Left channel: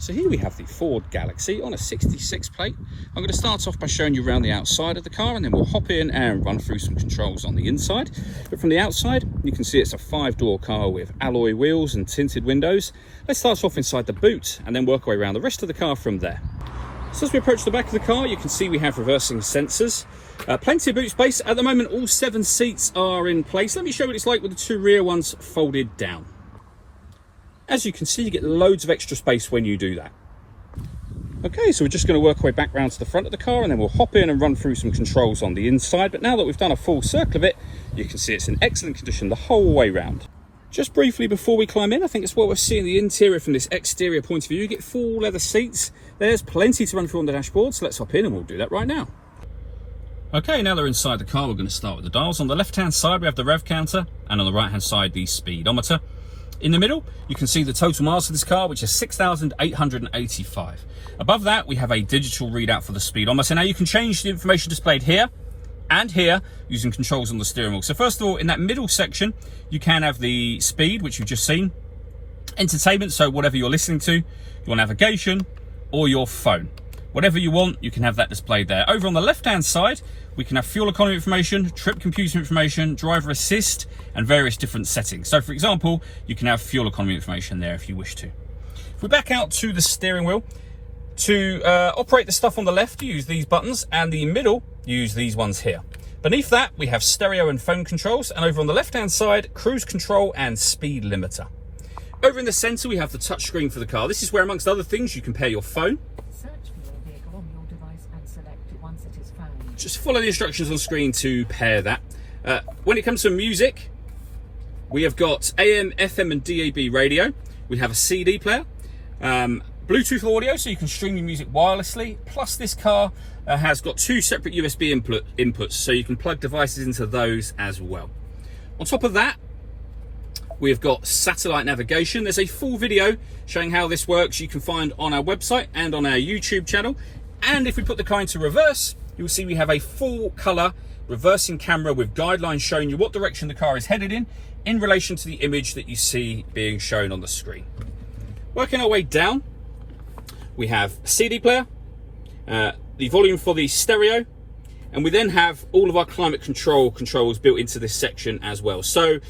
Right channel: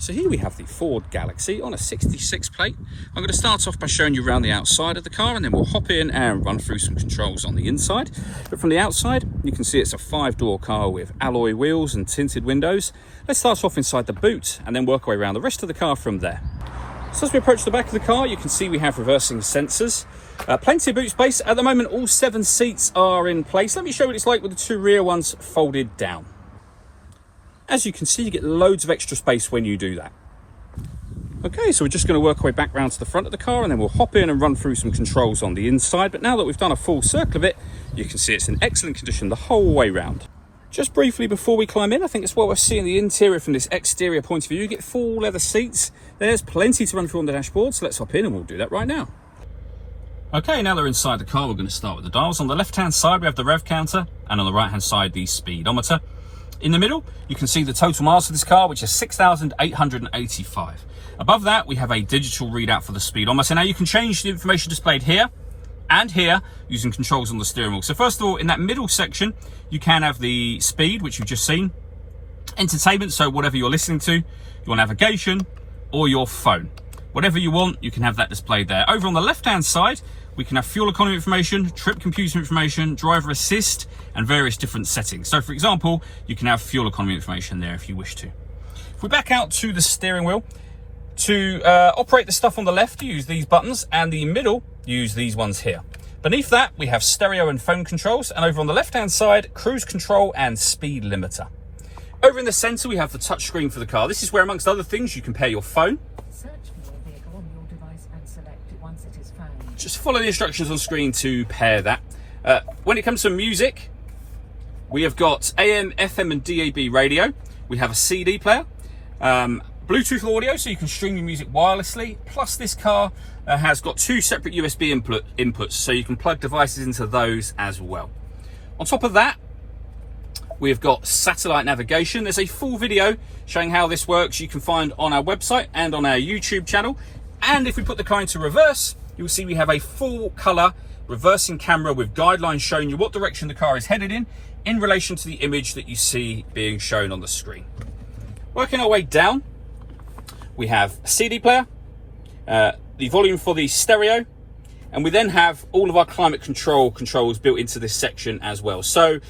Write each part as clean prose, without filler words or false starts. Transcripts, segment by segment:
So here we have the Ford Galaxy on a 66 plate. I'm going to start off by showing you around the outside of the car, and then we'll hop in and run through some controls on the inside. But from the outside, you can see it's a 5-door car with alloy wheels and tinted windows. Let's start off inside the boot and then work our way around the rest of the car from there. So as we approach the back of the car, you can see we have reversing sensors. Plenty of boot space. At the moment, all 7 seats are in place. Let me show you what it's like with the 2 rear ones folded down. As you can see, you get loads of extra space when you do that. Okay, so we're just going to work our way back round to the front of the car, and then we'll hop in and run through some controls on the inside. But now that we've done a full circle of it, you can see it's in excellent condition the whole way round. Just briefly before we climb in, I think it's what we're seeing the interior from this exterior point of view. You get full leather seats. There's plenty to run through on the dashboard, so let's hop in and we'll do that right now. Okay, now they're inside the car, we're going to start with the dials. On the left-hand side, we have the rev counter, and on the right-hand side, the speedometer. In the middle, you can see the total miles for this car, which is 6,885. Above that, we have a digital readout for the speedometer. Now you can change the information displayed here and here using controls on the steering wheel. So first of all, in that middle section, you can have the speed, which you've just seen, entertainment, so whatever you're listening to, your navigation, or your phone. Whatever you want, you can have that displayed there. Over on the left-hand side, we can have fuel economy information, trip computer information, driver assist, and various different settings. So for example, you can have fuel economy information there if you wish to. If we back out to the steering wheel, to operate the stuff on the left, you use these buttons, and the middle, you use these ones here. Beneath that, we have stereo and phone controls, and over on the left-hand side, cruise control and speed limiter. Over in the center, we have the touchscreen for the car. This is where, amongst other things, you can pair your phone. Search for your vehicle on your device and select once it is found. Just follow the instructions on screen to pair that. When it comes to music, we have got AM, FM and DAB radio. We have a CD player, Bluetooth audio, so you can stream your music wirelessly. Plus this car has got 2 separate USB inputs, so you can plug devices into those as well. On top of that, we've got satellite navigation. There's a full video showing how this works you can find on our website and on our YouTube channel. And if we put the car into reverse, you'll see we have a full color reversing camera with guidelines showing you what direction the car is headed in relation to the image that you see being shown on the screen. Working our way down, we have a CD player, the volume for the stereo, and we then have all of our climate controls built into this section as well. So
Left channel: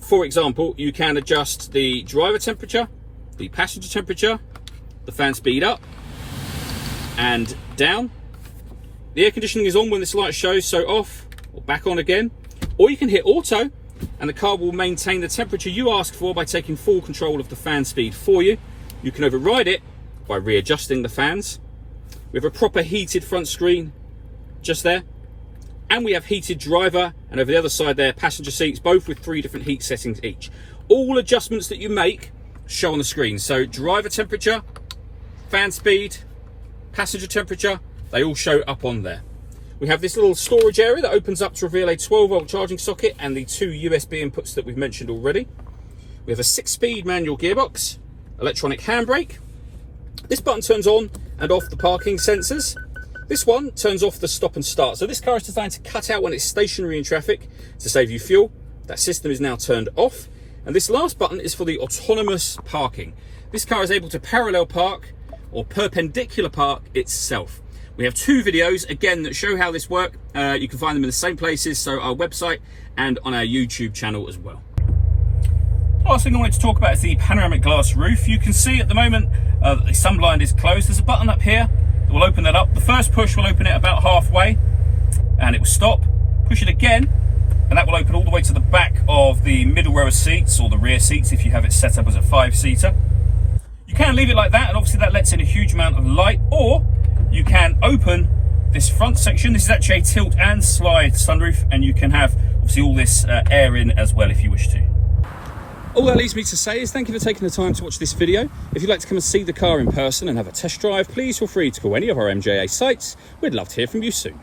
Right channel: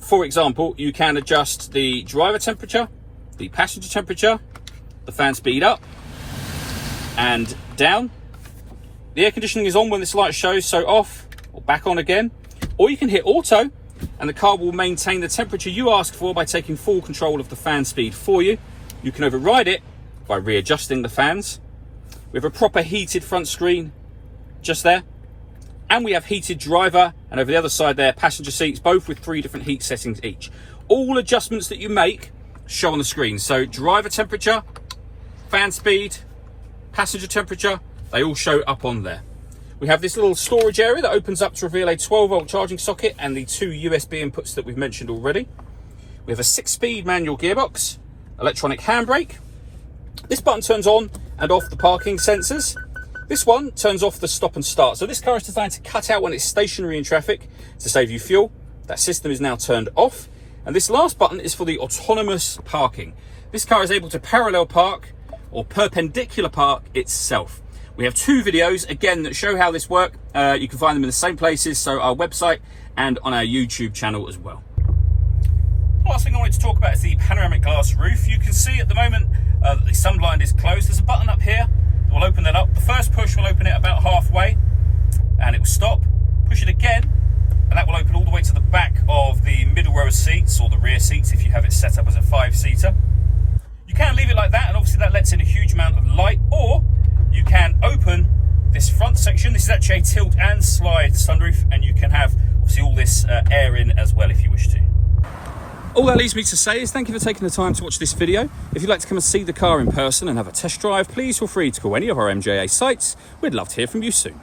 for example, you can adjust the driver temperature, the passenger temperature, the fan speed up and down. The air conditioning is on when this light shows, so off or back on again. Or you can hit auto and the car will maintain the temperature you ask for by taking full control of the fan speed for you. You can override it by readjusting the fans. We have a proper heated front screen just there. And we have heated driver, and over the other side there, passenger seats, both with 3 different heat settings each. All adjustments that you make show on the screen. So driver temperature, fan speed, passenger temperature, they all show up on there. We have this little storage area that opens up to reveal a 12-volt charging socket and the 2 USB inputs that we've mentioned already. We have a 6-speed manual gearbox, electronic handbrake. This button turns on and off the parking sensors. This one turns off the stop and start. So this car is designed to cut out when it's stationary in traffic to save you fuel. That system is now turned off. And this last button is for the autonomous parking. This car is able to parallel park or perpendicular park itself. We have 2 videos, again, that show how this works. You can find them in the same places, so our website and on our YouTube channel as well. Last thing I wanted to talk about is the panoramic glass roof. You can see at the moment that the sunblind is closed. There's a button up here that will open that up. The first push will open it about halfway and it will stop. Push it again and that will open all the way to the back of the middle row of seats, or the rear seats if you have it set up as a 5-seater. You can leave it like that, and obviously that lets in a huge amount of light, or you can open this front section. This is actually a tilt and slide sunroof, and you can have obviously all this air in as well if you wish to. All that leaves me to say is thank you for taking the time to watch this video. If you'd like to come and see the car in person and have a test drive, please feel free to call any of our MJA sites. We'd love to hear from you soon.